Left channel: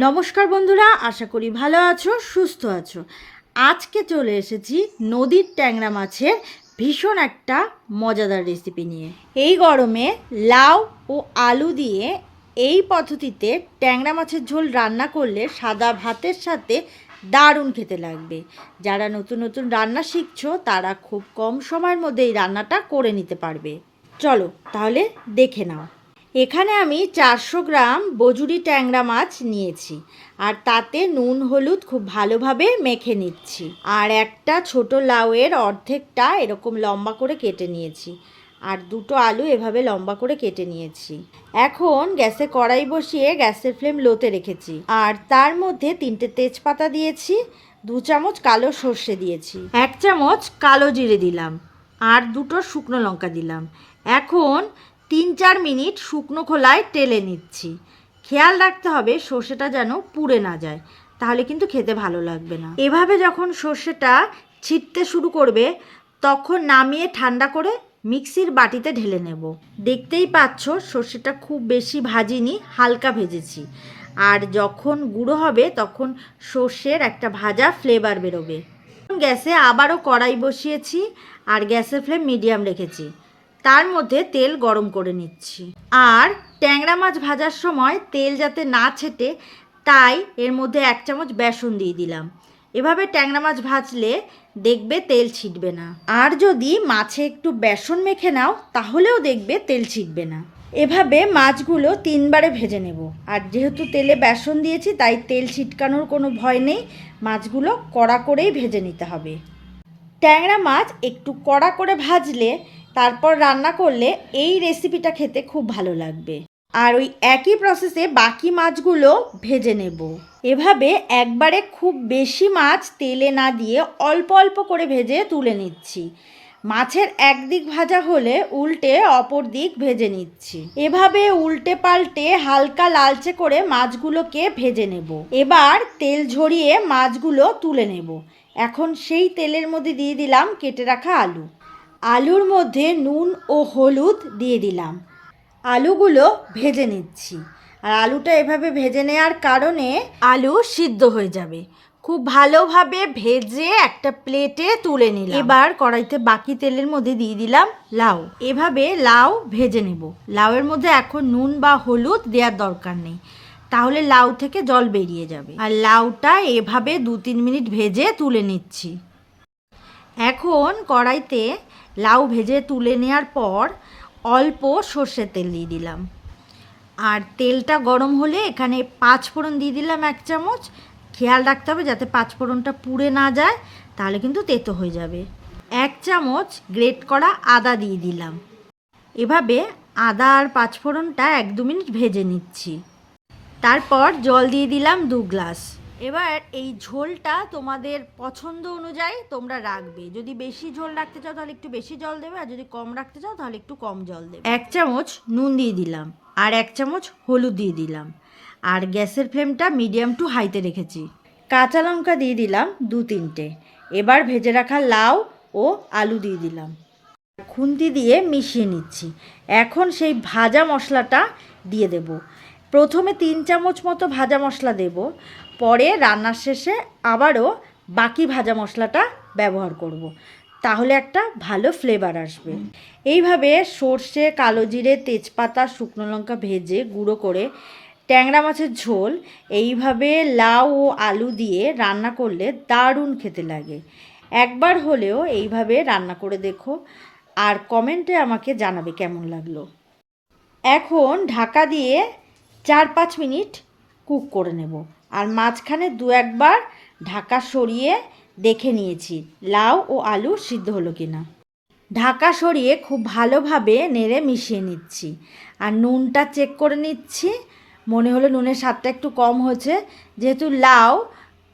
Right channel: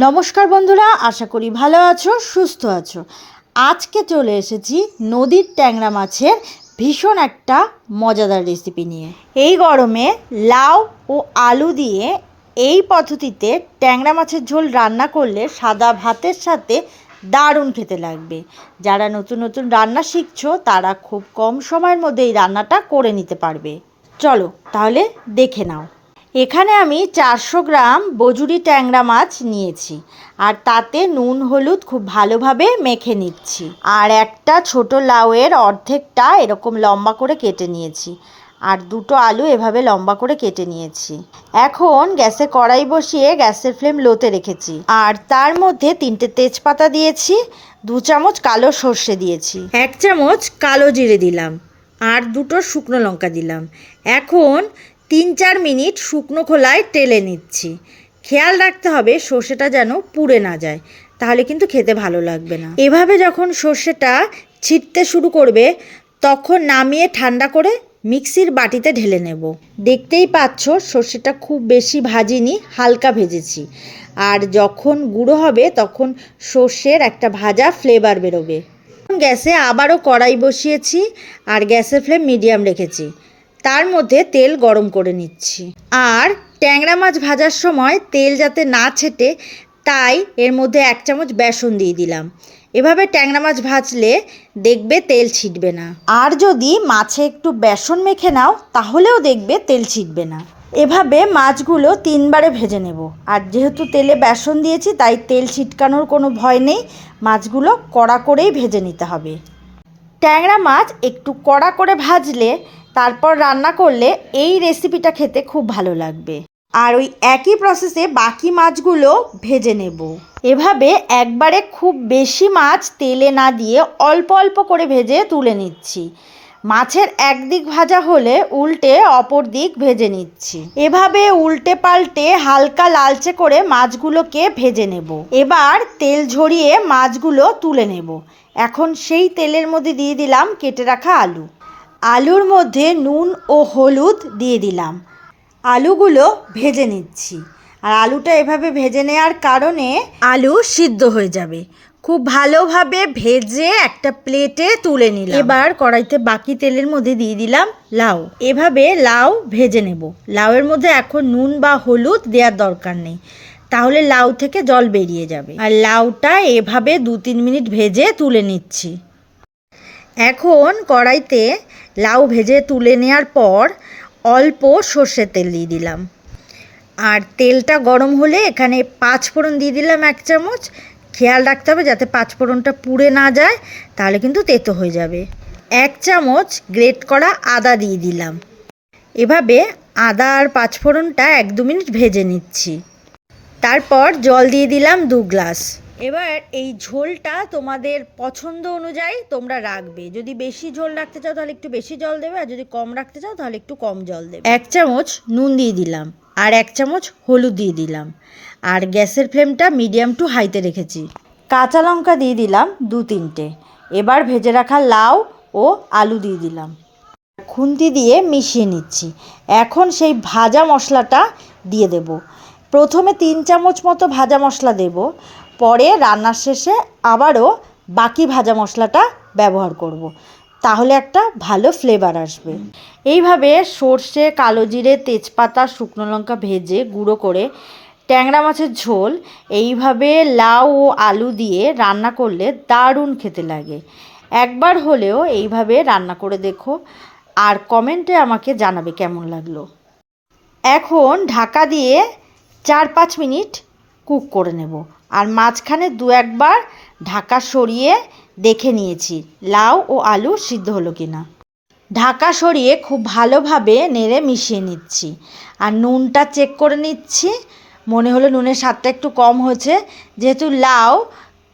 নমস্কার বন্ধুরা, আশা করি ভালো আছো, সুস্থ আছো। আজকে চলে এসেছি নদীর ট্যাংরা মাছের ভীষণ একটা মজাদার রেসিপি নিয়ে। এই গরমে লাউ ও আলু দিয়ে এই পদ্ধতিতে ট্যাংরা মাছের ঝোল রান্না করলে সাদা ভাতের সাথে দারুণ খেতে লাগবে। যারা নতুন নতুন রান্না শিখছো, তারা খুব কম সময়ের মধ্যে এই রান্নাটা করে নিতে পারবে। চলো তাহলে দেখে নাও। এখানে আমি চারশো গ্রাম বজুরি ট্যাংরা মাছ নিয়েছি। আর তাতে নুন, হলুদ খুব ভালোভাবে মেখে নিচ্ছি। আর একটা ছোট লাউয়ের অর্ধেকটা এরকম লম্বা করে কেটে নিয়েছি। আর দুটো আলু এভাবে লম্বা করে কেটে নিয়েছি। এখন গ্যাসে কড়াই বসিয়ে গ্যাসের ফ্লেম লোতে রেখেছি। আর তার মধ্যে তিনটে তেজপাতা দিয়েছি, দু চামচ কালো সর্ষে দিয়েছি, এক চামচ কালো জিরে দিলাম, আর দুটো শুকনো লঙ্কা দিলাম। এখন তিন চার মিনিট শুকনো খোলায় টেলে নিচ্ছি। খেয়াল রাখতে হবে সর্ষেটা যেন পুড়ে না যায়, তাহলে কিন্তু খেতে ভালো লাগবে না। এভাবে যখন সর্ষেটা ছিটতে শুরু করবে, তখন নামিয়ে ঠান্ডা করে মিক্সির বাটিতে ঢেলে নেব। দেখতেই পাচ্ছ সর্ষেটা খুব বেশি ভাজিনি, হালকা ভেজেছি। আর যখন গুঁড়ো হবে, তখন সর্ষের একটা ভাজা ফ্লেভার বেরোবে। গ্যাসে আবারও কড়াই বসিয়েছি, আর গ্যাসের ফ্লেম মিডিয়াম রেখেছি। তার মধ্যে তেল গরম করে নিচ্ছি। আর ট্যাংরা মাছ ভাজার সময় তেল যাতে না ছেটে, তাই এর মধ্যে এক চামচ বেসন দিয়ে দিলাম। এভাবে ট্যাংরা মাছ ভাজলে দেখবে তেল ছিটবে না। আর যদি মাছে একটু বেসন মেখে নাও, তাহলেও দেখবে তেল ছিটবে না। এভাবে মাছগুলো তিনবারে ভেজে নেব। আর যেহেতু তেলে বেসন দিয়েছি, তাই তেল ছিটকানোর কোনো ভয় নেই। মাছগুলো কড়া করেই ভেজে নিতে হবে। ট্যাংরা মাছ একটু কড়া করে ভাজলে তারপর রান্না করলে এই রেসিপিটা খেতে খুব ভালো লাগবে। আর ওই একই প্রসেসে বাকি মাছগুলো ভেজে নেব। এভাবে একবারে খুব বেশি মাছ তেলে না দিয়ে অল্প অল্প করে ভেজে তুলে নিচ্ছি। মাছের একদিক ভাজা হলে উল্টে অপর দিক ভেজে নিচ্ছি। এভাবে উল্টে পাল্টে হালকা লালচে করে মাছগুলোকে ভেজে নেব। এবার তেল ঝরিয়ে মাছগুলো তুলে নেব। এখন সেই তেলের মধ্যে দিয়ে দিলাম কেটে রাখা আলু। আলুর মধ্যে নুন ও হলুদ দিয়ে দিলাম। আলুগুলো ভেজে নিচ্ছি। আর আলুটা এভাবে ভেজে নেওয়ার কারণে আলু সিদ্ধ হয়ে যাবে। খুব ভালোভাবে ভেজে একটা প্লেটে তুলে নিলাম। এবার কড়াইতে বাকি তেলের মধ্যে দিয়ে দিলাম লাউ। এভাবে লাউ ভেজে নেব। লাউয়ের মধ্যে এখন নুন বা হলুদ দেওয়ার দরকার নেই। তাহলে লাউ থেকে জল বেরিয়ে যাবে। আর লাউটা এভাবে দু তিন মিনিট ভেজে তুলে নিচ্ছি। এখন কড়াইতে লাউ ভেজে তুলে নেওয়ার পর অল্প সর্ষের তেল দিয়ে দিলাম। আর তেলটা গরম হলে এখানে পাঁচ ফোড়ন দিয়ে দিলাম এক চামচ। খেয়াল রাখতে হবে যাতে পাঁচ ফোড়নটা পুড়ে না যায়, তাহলে কিন্তু তেতো হয়ে যাবে। এক চামচ গ্রেট করা আদা দিয়ে দিলাম। এভাবে আদা আর পাঁচ ফোড়নটা এক দু মিনিট ভেজে নিচ্ছি। তারপর জল দিয়ে দিলাম দু গ্লাস। এবার এই ঝোলটা তোমাদের পছন্দ অনুযায়ী তোমরা রাখবে। যদি বেশি ঝোল রাখতে চাও তাহলে একটু বেশি জল দেবে, আর যদি কম রাখতে চাও তাহলে একটু কম জল দেবে। এক চামচ নুন দিয়ে দিলাম, আর এক চামচ হলুদ দিয়ে দিলাম, আর গ্যাসের ফ্লেমটা মিডিয়াম টু হাইতে রেখেছি। কাঁচা লঙ্কা দিয়ে দিলাম দু তিনটে, এবার ভেজে রাখা লাউ ও আলু দিয়ে দিলাম। খুন্তি দিয়ে মিশিয়ে নিচ্ছি, এখন সেই ভাজা মশলাটা দিয়ে দেব। প্রথমে তিন চামচ মতো ভাজা মশলা দেব পরে রান্নার শেষে আবারও বাকি ভাজা মশলাটা ব্যবহার করব। তাহলে একটা ভালো ফ্লেভার আসবে। এইভাবে সর্ষে, কালো জিরে, তেজপাতা, শুকনো লঙ্কা ভেজে গুঁড়ো করে ট্যাংরা মাছের ঝোল এইভাবে লাউ ও আলু দিয়ে রান্না করলে দারুণ খেতে লাগে। একবার হলেও এইভাবে রান্না করে দেখো আর কমেন্টে আমাকে জানাবে কেমন লাগল। এখন ঢাকা দিয়ে চার পাঁচ মিনিট কুক করে নেব। আর মাঝখানে দু একবার ঢাকা সরিয়ে দেখে নিয়েছি, লাউ ও আলু সিদ্ধ হলো কি না ঢাকা সরিয়ে খুব ভালোভাবে নেড়ে মিশিয়ে নিচ্ছি। আর নুনটা চেক করে নিচ্ছি, মনে হলো নুনের স্বাদটা একটু কম হয়েছে। যেহেতু লাউ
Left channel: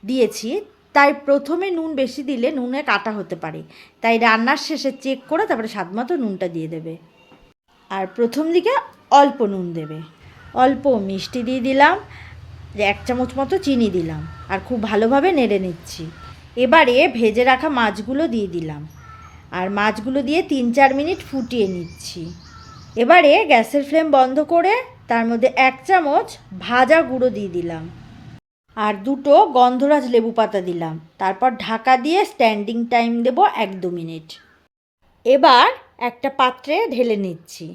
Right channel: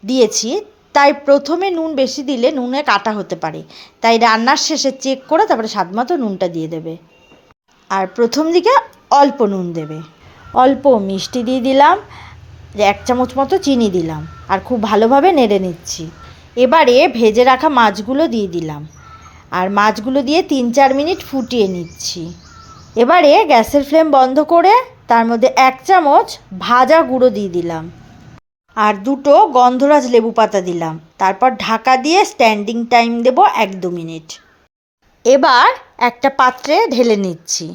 দিয়েছি, তাই প্রথমে নুন বেশি দিলে নুনে কাটা হতে পারে। তাই রান্নার শেষে চেক করে তারপরে স্বাদ মতো নুনটা দিয়ে দেবে। আর প্রথম দিকে অল্প নুন দেবে। অল্প মিষ্টি দিয়ে দিলাম। এক চামচ মতো চিনি দিলাম আর খুব ভালোভাবে নেড়ে নিচ্ছি। এবারে ভেজে রাখা মাছগুলো দিয়ে দিলাম। আর মাছগুলো দিয়ে তিন চার মিনিট ফুটিয়ে নিচ্ছি। এবারে গ্যাসের ফ্লেম বন্ধ করে তার মধ্যে এক চামচ ভাজা গুঁড়ো দিয়ে দিলাম। আর দুটো গন্ধরাজ লেবু পাতা দিলাম। তারপর ঢাকা দিয়ে স্ট্যান্ডিং টাইম দেব এক দু মিনিট। এবার একটা পাত্রে ঢেলে নিচ্ছি।